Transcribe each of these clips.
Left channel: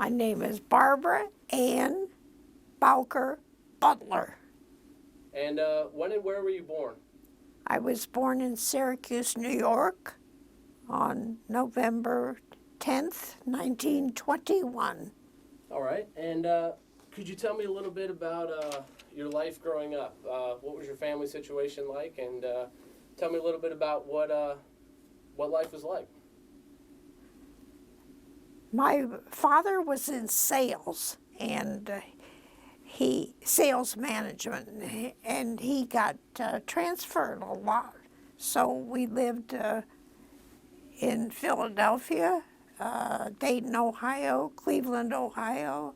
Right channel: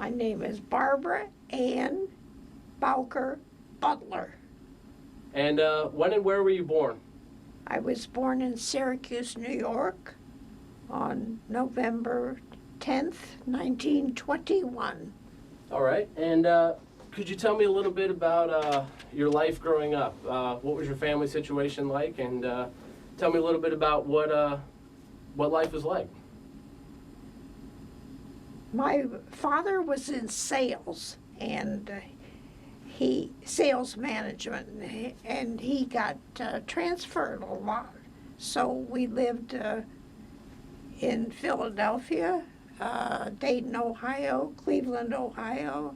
My name is Barbara Bowker Butler. And when and where were you born? I was born in Syracuse, New York on November 10th, 1921. All right. And could you tell me a little bit about your life growing up? What was your family situation like? And tell me a little bit about what life was like. My father was in sales and sales management, and he got transferred a lot. So we lived in Philadelphia, Dayton, Ohio, Cleveland, Ohio,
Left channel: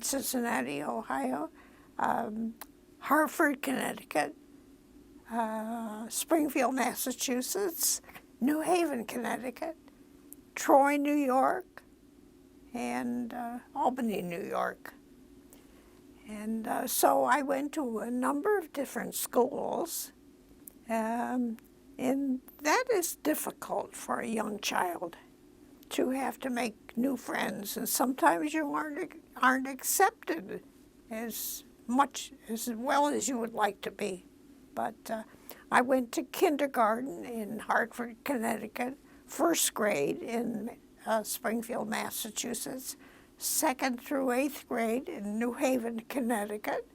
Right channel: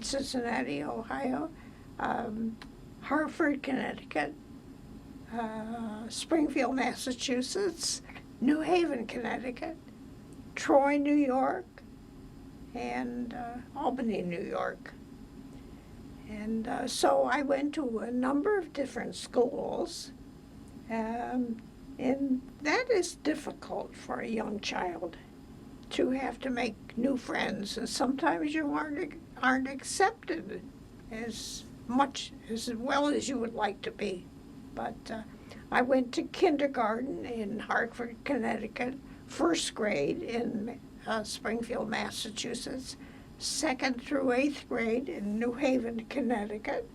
Cincinnati, Ohio, Hartford, Connecticut, Springfield, Massachusetts, New Haven, Connecticut, Troy, New York, and Albany, New York. And so I went to a number of different schools, and that is difficult for a young child to have to make new friends, and sometimes you aren't accepted as well as you would like to be. But I went to kindergarten in Hartford, Connecticut, first grade in Springfield, Massachusetts, 2nd through 8th grade in New Haven, Connecticut,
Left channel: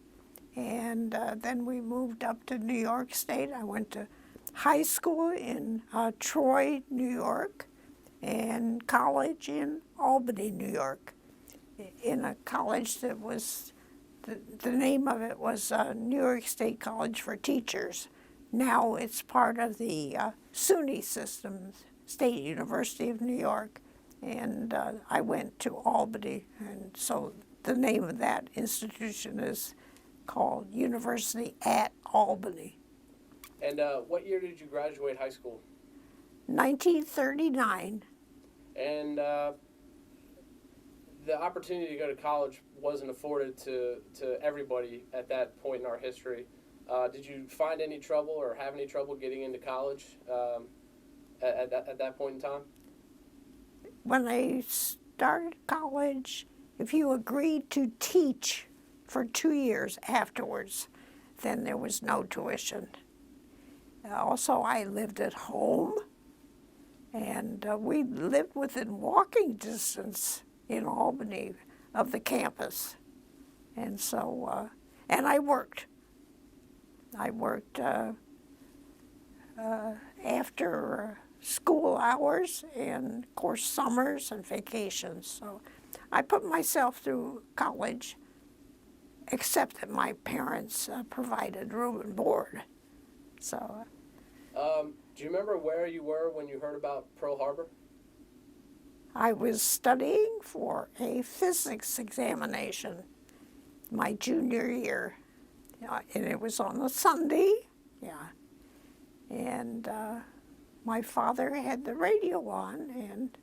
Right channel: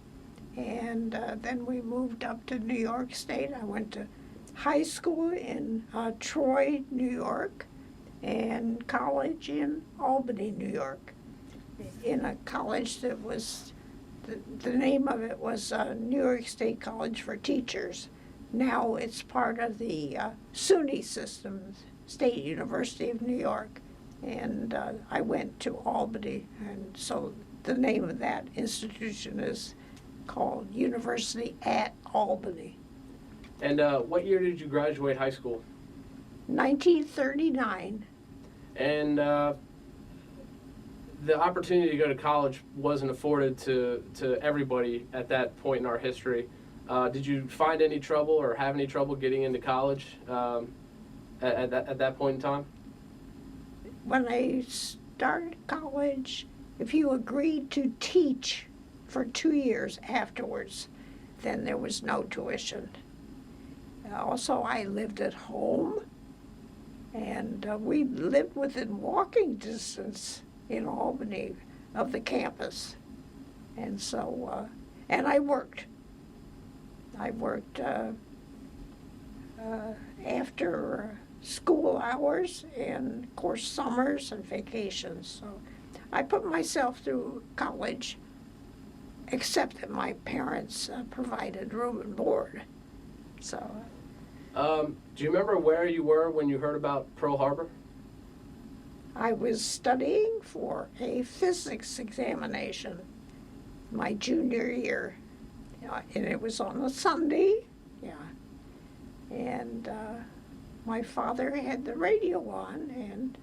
and then we moved up to New York State. I went to high school in Troy, New York, and college in Albany, New York, in a college that was, the name of it was New York State College for Teachers. Now it's part of the SUNY system, State University of New York. And I went to Albany, and so the name of that institution is called University at Albany. And what year did you graduate high school? 1939. And the opportunity to go to college wasn't afforded to everybody at that point in our history. Did you find any trouble or have any trouble getting into college at that point in time? When I started college, if you agreed to teach for 2 years afterwards, then there was no tuition. Also, I lived at home, and we lived within walking distance in Albany of the campus. And so, and I worked. I worked after school hours and, of course, summers and vacations. So I put myself through college, except that my parents provided room and board. So. Do you remember where you were when you heard about Pearl Harbor? I was studying for a physics examination my junior year, and it was on a Sunday, and my father had the radio on, and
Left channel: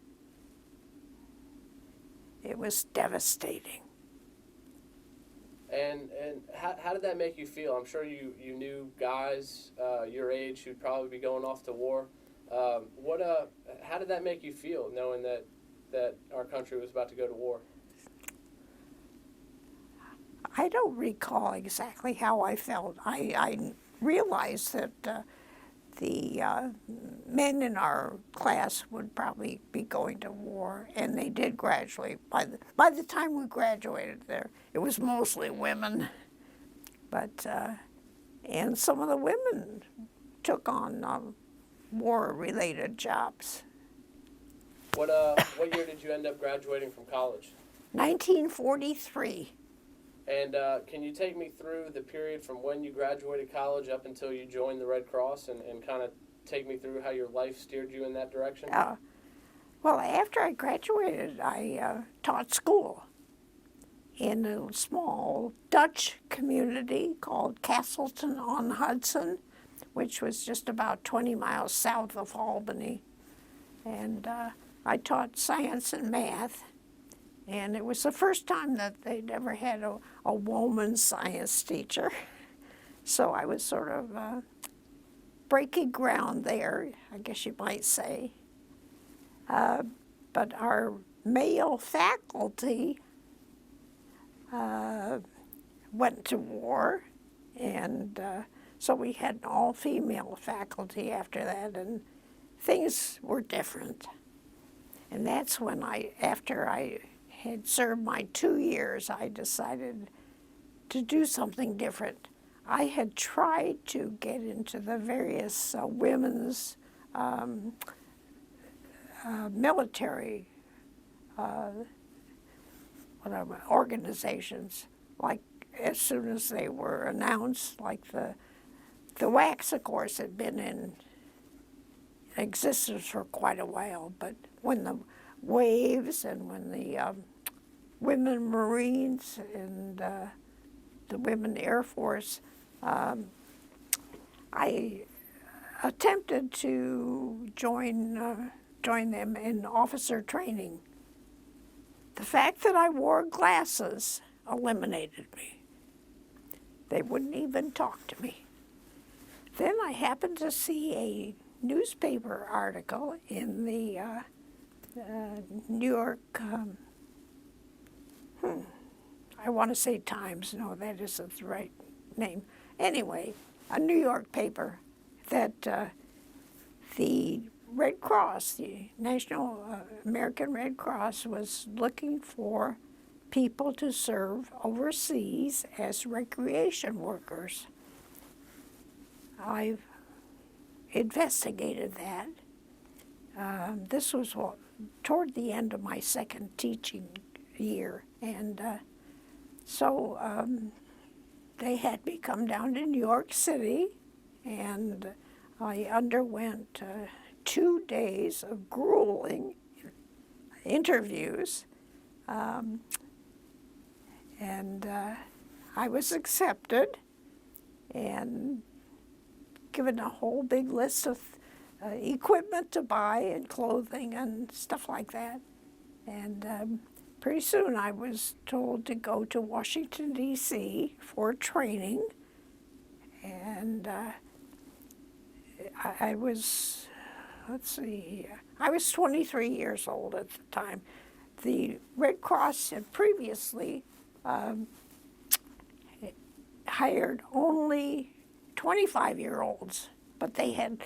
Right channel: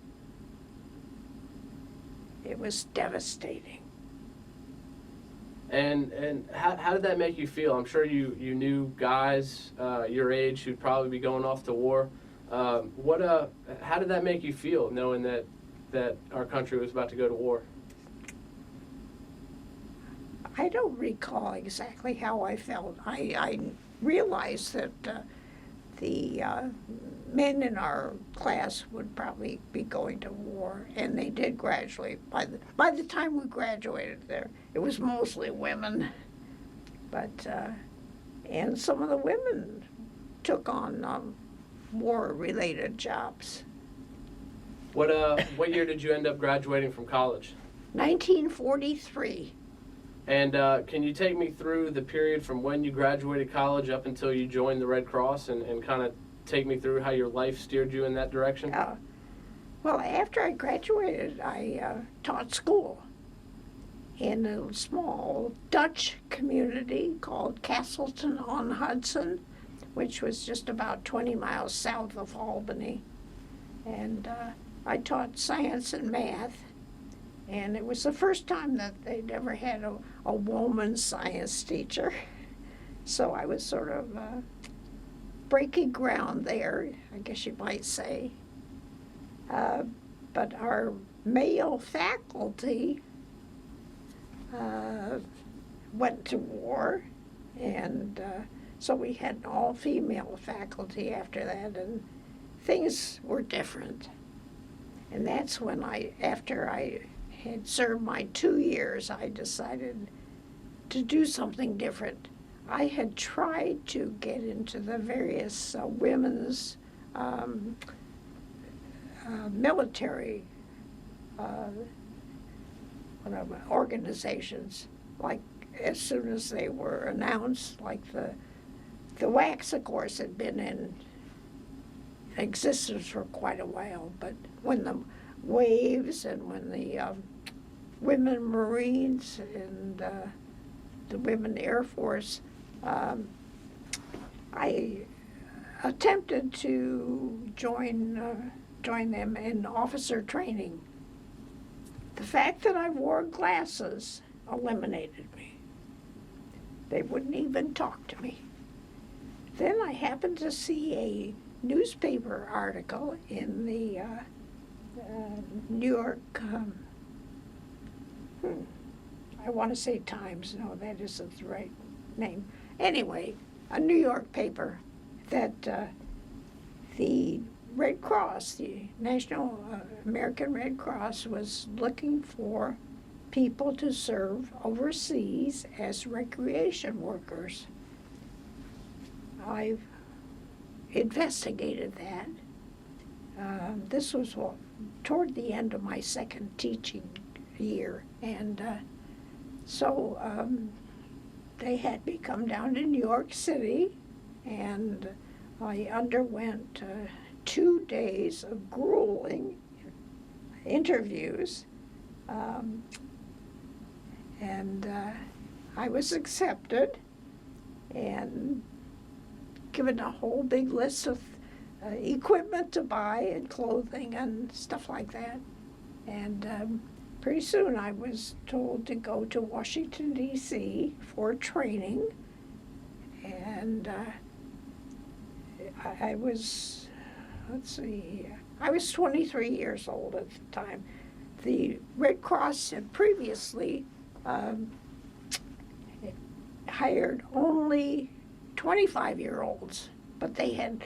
it was devastating. And how did that make you feel? I'm sure you knew guys your age who'd probably be going off to war. How did that make you feel, knowing that our country was about to go to war? I don't recall exactly how I felt. I realized that the men in our class would probably be going to war, and they did gradually. By the time we graduated there, it was mostly women, but and some of the women took on war-related jobs. What year did you end up graduating from college? 1943. And can you take me through the period from when you graduated college up until you joined the Red Cross, and kind of take me through how your life steered you in that direction? Well, after I graduated, I taught school in a small Dutch community called Castleton-on-Hudson, which was just about 20 miles south of Albany. And I taught science and math, and it was the first time that they'd ever had a woman science teacher. So I was sort of breaking ground there, I guess you might say. But our male faculty went to war, and so we had an all-female faculty after that, and things were different. And that's when after I had served my 2 years, I decided to do something different. I had tried to get into the various women's military organizations, like as soon as they were announced, like the WACS, of course, had been in existence for quite a while, but when the Waves and when the Women Marines and the Women Air Force, I attempted to join them in officer training. The fact that I wore glasses eliminated me. They wouldn't even talk to me. Then I happened to see a newspaper article in the New York, I want to say Times, no, that isn't the right name. Anyway, a New York paper that the Red Cross, the National American Red Cross, was looking for people to serve overseas as recreation workers. I've investigated that. This was toward the end of my second teaching year, and so they had me come down to New York City, and I underwent 2 days of grueling interviews, and I was accepted and given a whole big list of equipment to buy and clothing and stuff like that. And pretty soon I was told to go to Washington, D.C. for training. And I was, I was 23 years old at the time. The Red Cross had previously hired only 25-year-olds, but they had,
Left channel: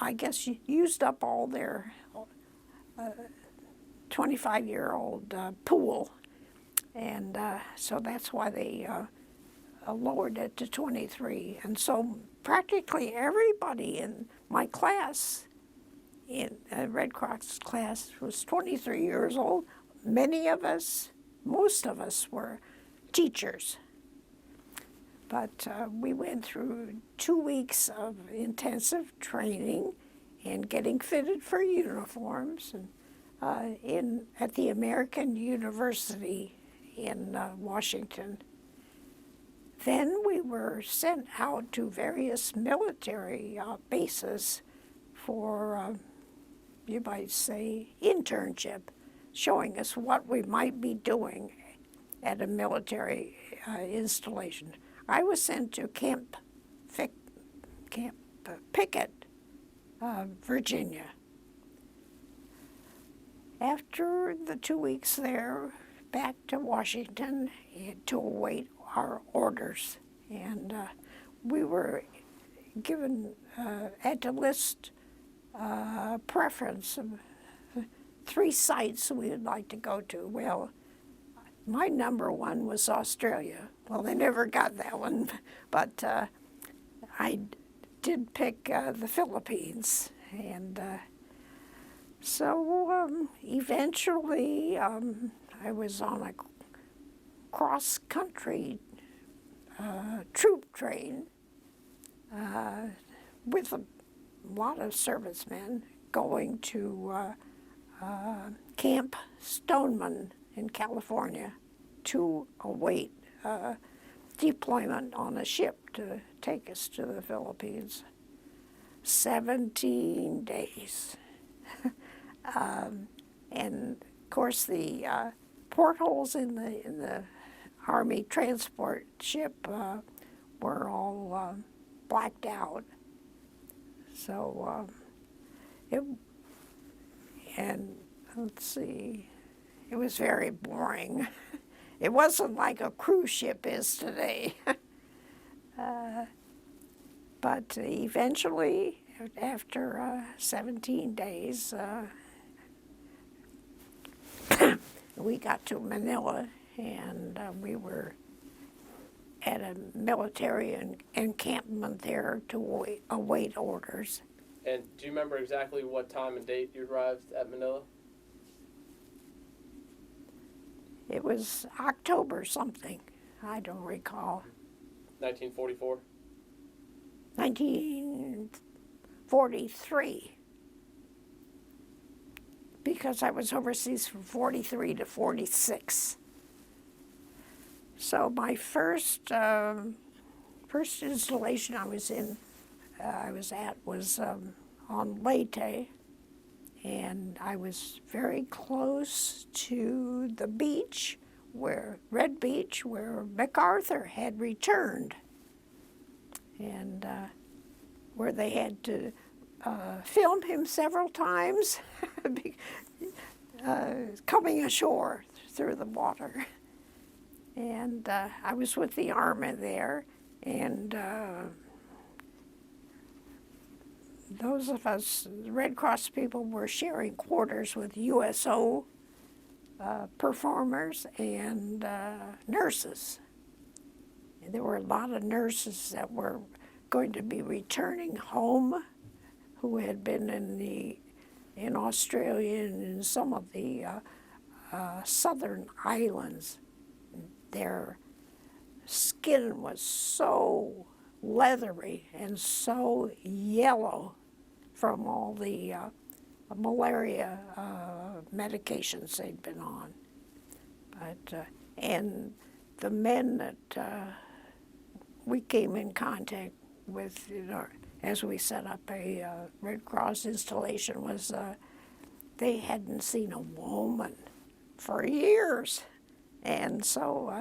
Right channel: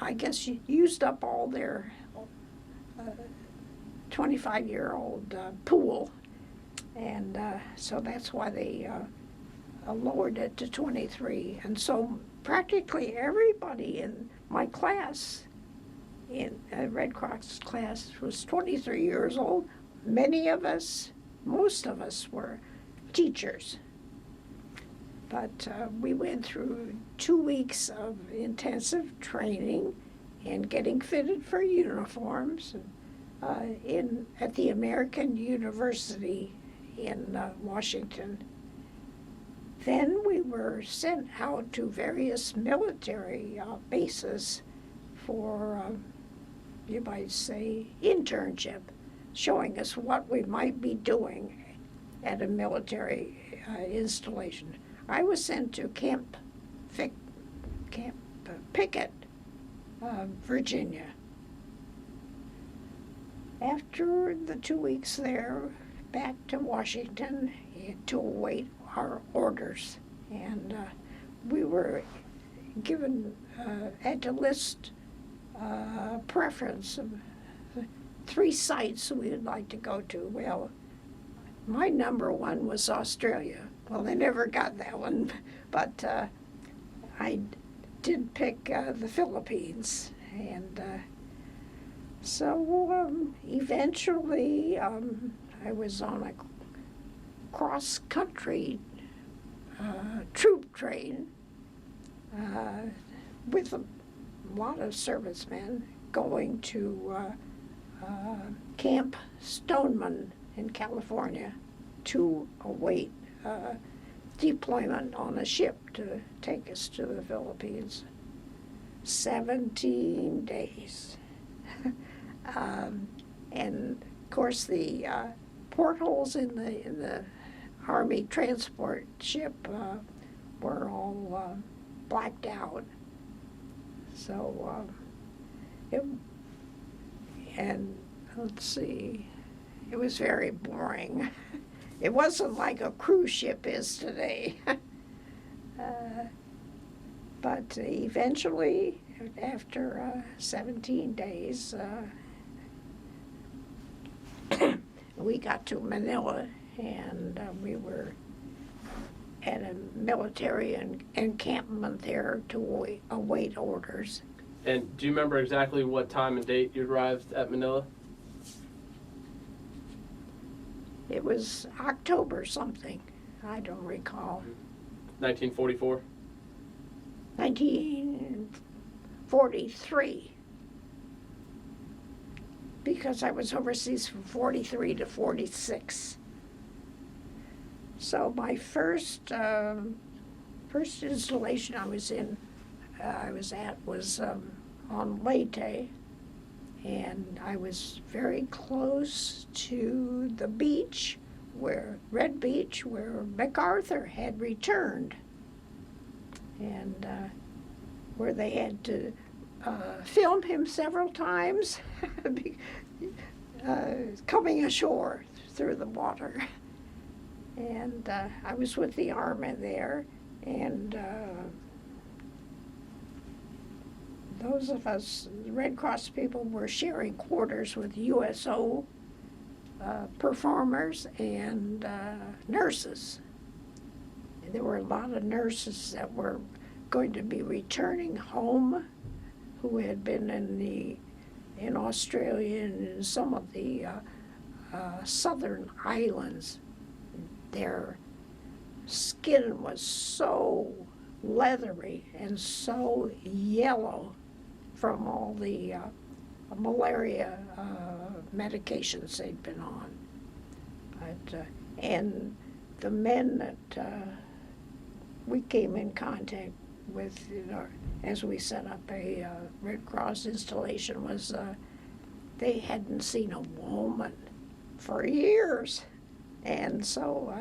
I guess, used up all their 25-year-old pool, and so that's why they lowered it to 23. And so practically everybody in my class, in Red Cross class, was 23 years old. Many of us, most of us, were teachers. But we went through 2 weeks of intensive training and getting fitted for uniforms and, at the American University in Washington. Then we were sent out to various military bases for, you might say, internship, showing us what we might be doing at a military installation. I was sent to Camp Pickett, Virginia. After the 2 weeks there, back to Washington to await our orders. And we were given, had to list a preference of 3 sites we'd like to go to. Well, my number one was Australia. Well, they never got that one, but I did pick the Philippines, and so eventually I was on a cross-country troop train with a lot of servicemen going to Camp Stoneman in California to await deployment on a ship to take us to the Philippines. 17 days. And of course the portholes in the Army transport ship were all blacked out. So and let's see, It was very boring. It wasn't like a cruise ship is today. But eventually, after 17 days, we got to Manila, and we were at a military encampment there to await orders. And do you remember exactly what time and date you arrived at Manila? It was October something. I don't recall. 1944? 1943. Because I was overseas from 43 to 46. So my first installation I was at was on Leyte, and I was very close to the beach, Red Beach, where MacArthur had returned, and where they had to film him several times coming ashore through the water. And I was with the Army there, and those of us Red Cross people were sharing quarters with USO performers and nurses. And there were a lot of nurses that were going to be returning home, who had been in Australia and in some of the southern islands. Their skin was so leathery and so yellow from all the malaria medications they'd been on. But and the men that we came in contact with, as we set up a Red Cross installation, was they hadn't seen a woman for years. And so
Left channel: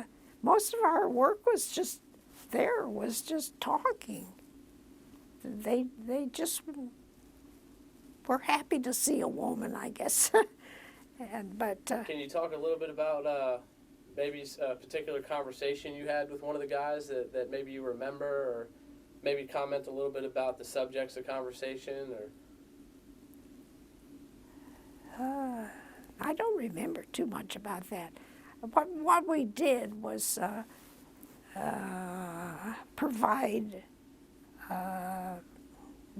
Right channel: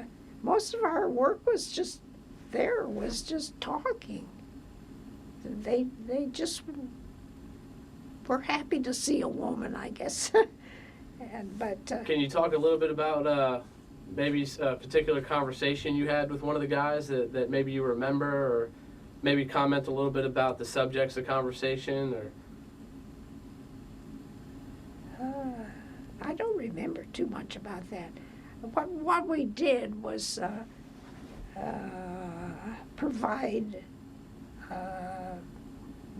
most of our work was just talking. They just were happy to see a woman, I guess. Can you talk a little bit about maybe a particular conversation you had with one of the guys that maybe you remember, or maybe comment a little bit about the subjects of conversation? Or I don't remember too much about that. What we did was provide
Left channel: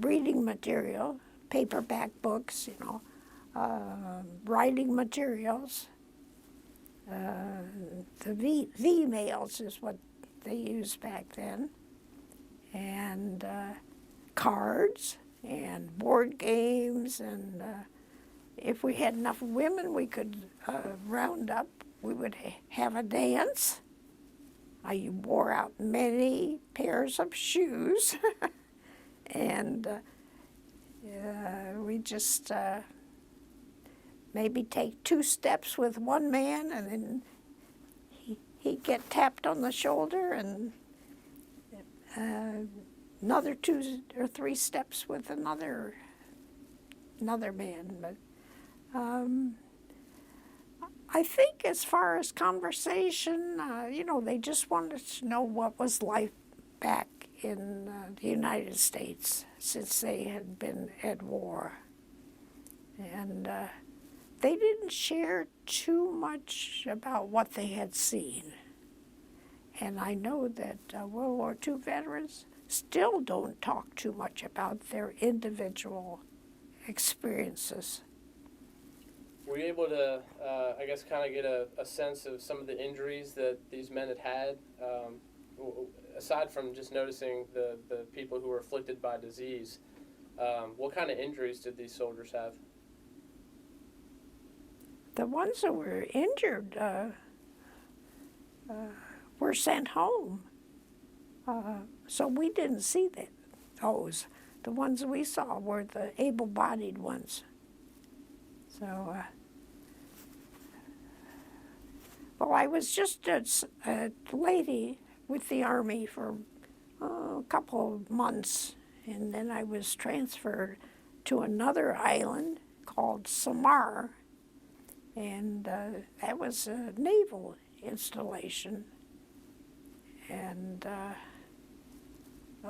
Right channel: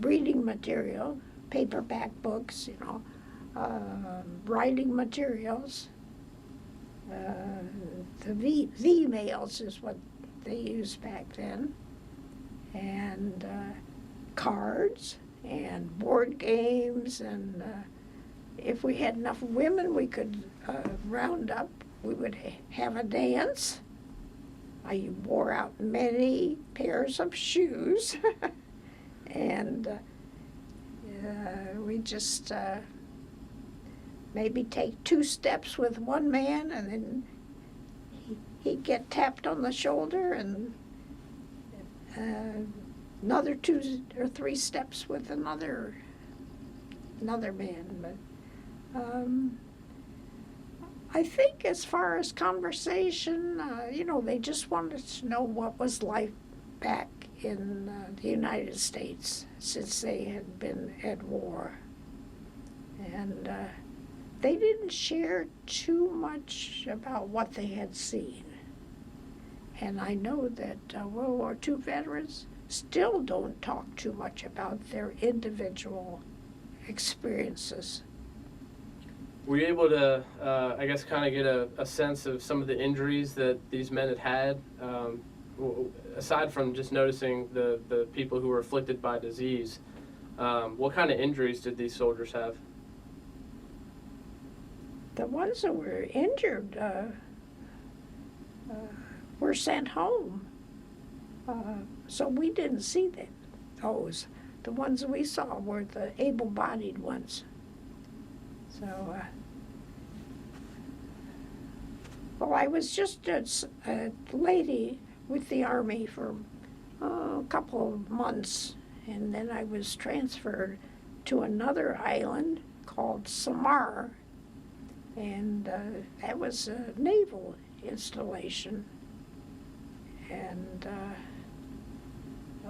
reading material, paperback books, writing materials. The V-mails is what they used back then, and cards and board games, and if we had enough women, we could round up. We would have a dance. I wore out many pairs of shoes, and we just maybe take 2 steps with one man, and then he'd get tapped on the shoulder, and another 2 or 3 steps with another man. But I think as far as conversation, they just wanted to know what was life back in the United States, since they had been at war. And they didn't share too much about what they had seen. And I know that World War II veterans still don't talk too much about their individual experiences. Were you able to, I guess, kind of get a sense of some of the injuries that these men had? Aside from just noticing the people who were afflicted by disease, what kind of injuries did these soldiers have? The ones that were injured were sent home. So we didn't see those. The ones we saw were the able-bodied ones. So, well, I was just a lady with the Army for a couple of months, and then I was transferred to another island called Samar, and that was a naval installation. And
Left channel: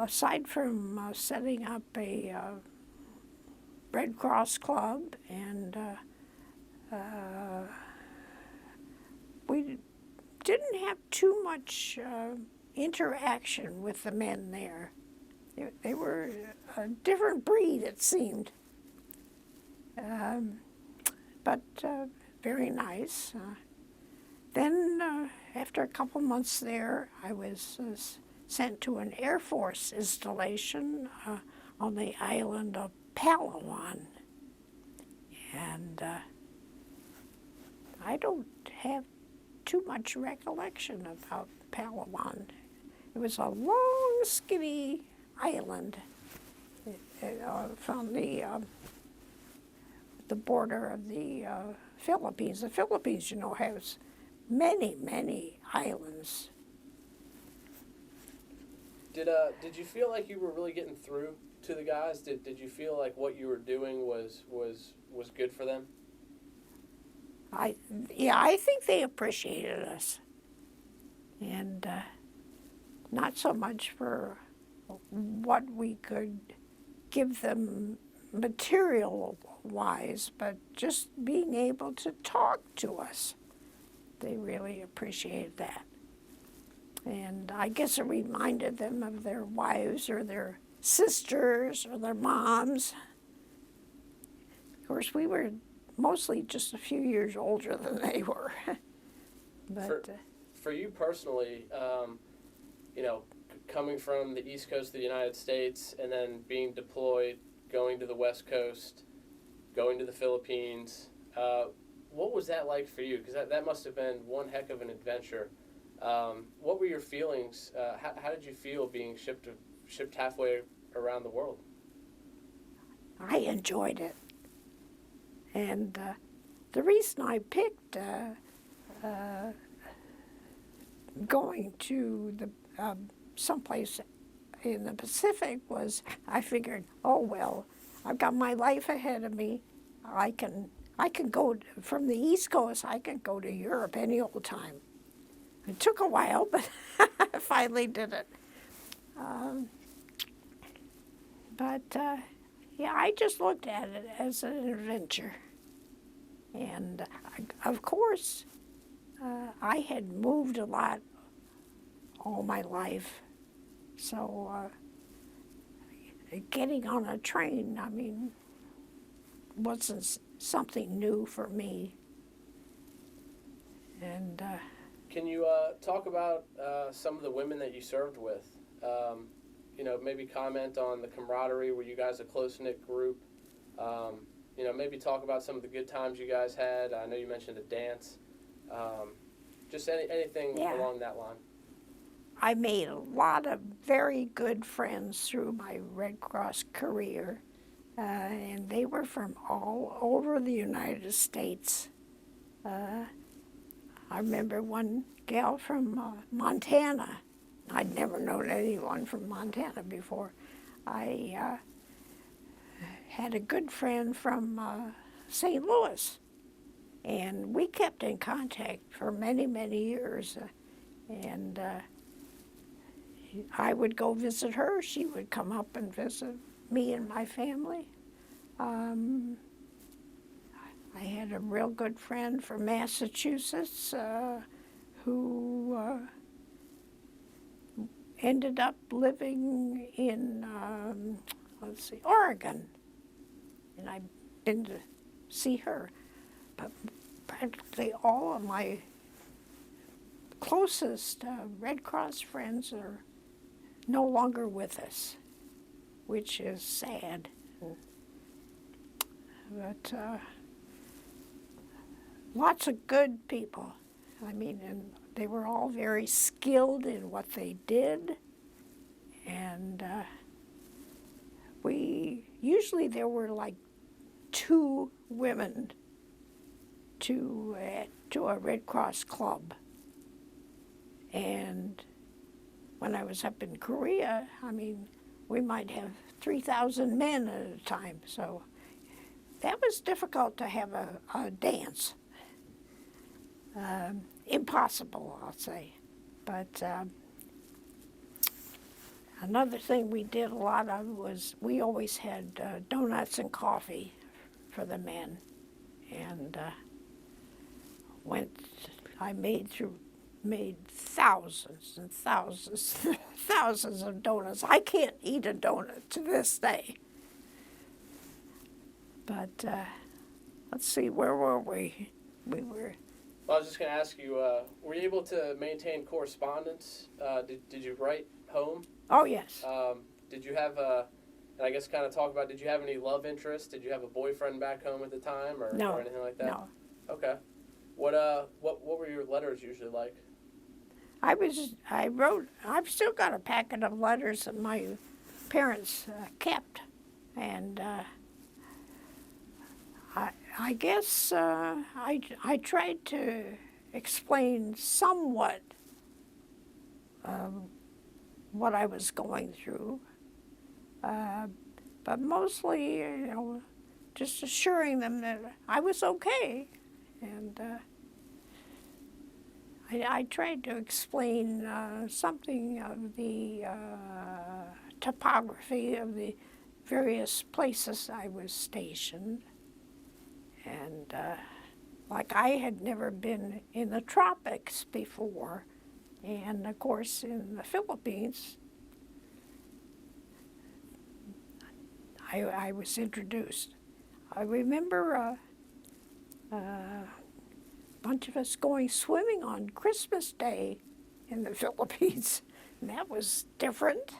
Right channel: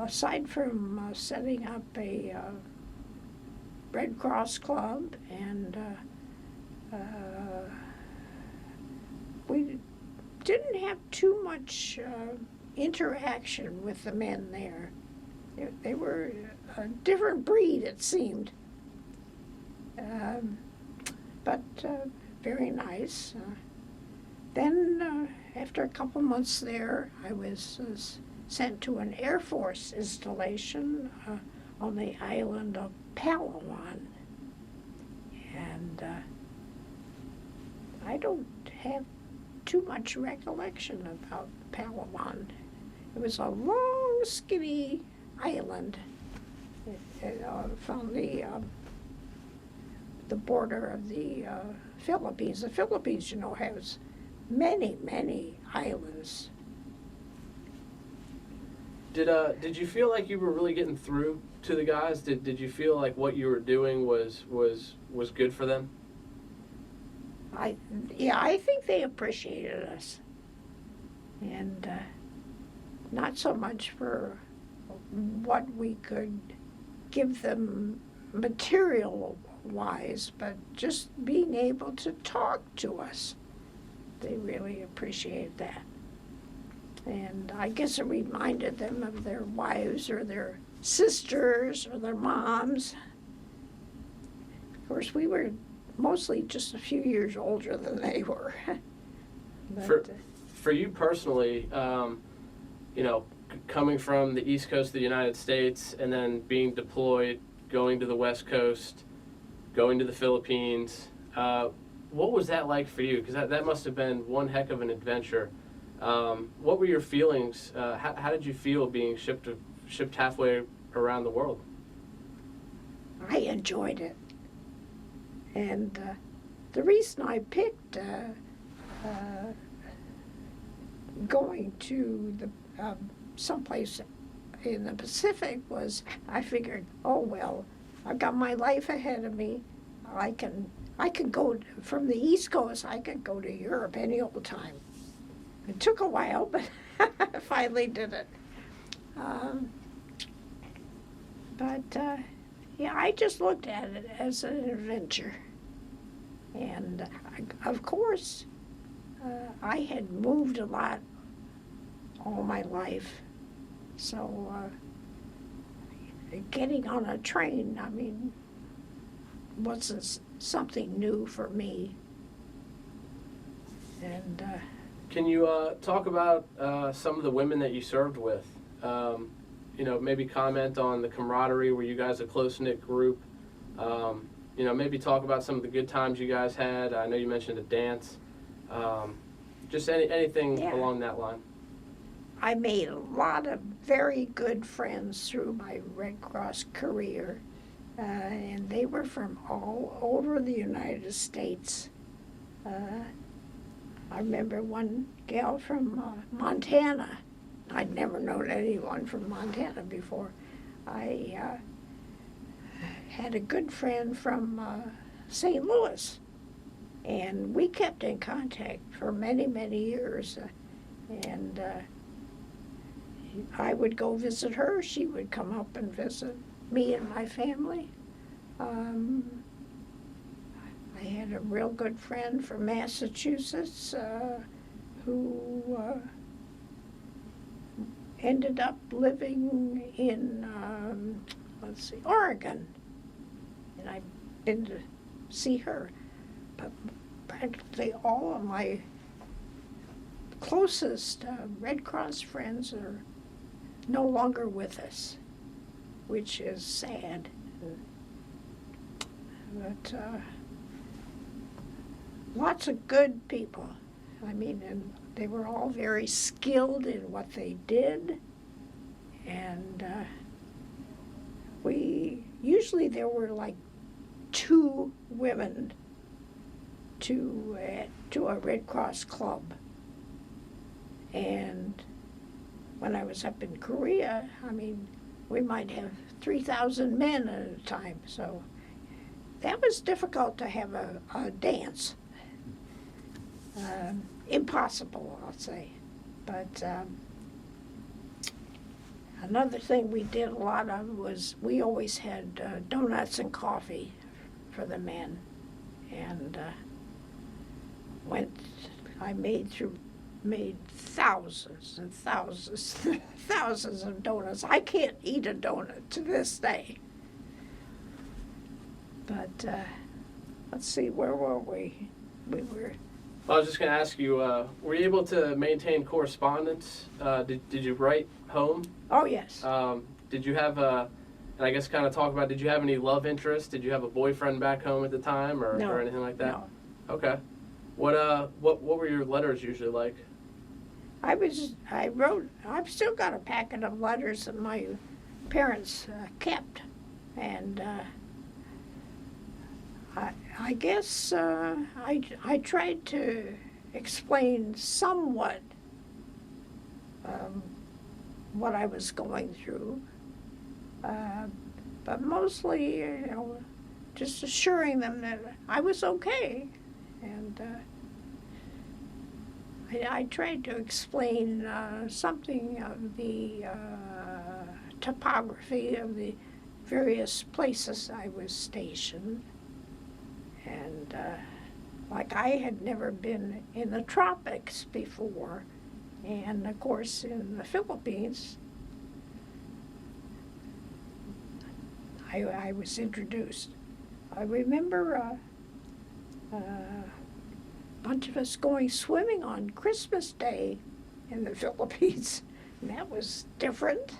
aside from setting up a Red Cross club, and we didn't have too much interaction with the men there. They were a different breed, it seemed, but very nice. Then, after a couple months there, I was sent to an Air Force installation on the island of Palawan. And I don't have too much recollection about Palawan. It was a long, skinny island from the border of the Philippines. The Philippines, you know, has many, many islands. Did you feel like you were really getting through to the guys? Did you feel like what you were doing was good for them? I think they appreciated us, and not so much for what we could give them material-wise, but just being able to talk to us. They really appreciated that. And I guess it reminded them of their wives or their sisters or their moms. Of course, we were mostly just a few years older than they were. But, for you personally, you know, coming from the East Coast of the United States and then being deployed, going to the West Coast, going to the Philippines, what was that like for you? Because that must have been one heck of an adventure. What were your feelings? How did you feel being shipped halfway around the world? I enjoyed it. And the reason I picked going to the someplace in the Pacific was I figured, oh well, I've got my life ahead of me. I can go from the East Coast. I can go to Europe any old time. It took a while, but I finally did it. Yeah, I just looked at it as an adventure. And of course, I had moved a lot all my life. So getting on a train, I mean, wasn't something new for me. And can you talk about some of the women that you served with? You know, maybe comment on the camaraderie. Were you guys a close-knit group? You know, maybe talk about some of the good times you guys had. I know you mentioned a dance. Just anything along that line. I made a lot of very good friends through my Red Cross career, and they were from all over the United States. I remember one gal from Montana. I'd never known anyone from Montana before. I had a good friend from St. Louis, and we kept in contact for many, many years. And I would go visit her. She would come up and visit me and my family. I had a real good friend from Massachusetts who ended up living in, Oregon. And I've been to see her. But practically all of my closest Red Cross friends are no longer with us, which is sad. But lots of good people. I mean, and they were all very skilled in what they did. And usually there were like 2 women to a Red Cross club. And when I was up in Korea, I mean, we might have 3,000 men at a time. So that was difficult to have a dance. impossible, I'll say. But another thing we did a lot of was we always had donuts and coffee for the men. And I made thousands and thousands, thousands of donuts. I can't eat a donut to this day. But let's see, where were we? We were. I was just going to ask you, were you able to maintain correspondence? Did you write home? Oh, yes. Did you have and I guess kind of talk about, did you have any love interest? Did you have a boyfriend back home at the time or anything like that? No. Okay. What were your letters usually like? I've still got a packet of letters that my parents kept. And I guess I tried to explain somewhat what I was going through, but mostly, just assuring them that I was okay. And I tried to explain something of the topography of the various places I was stationed. And like I had never been in the tropics before. And of course in the Philippines, I was introduced. I remember a bunch of us going swimming on Christmas Day in the Philippines. And that was different.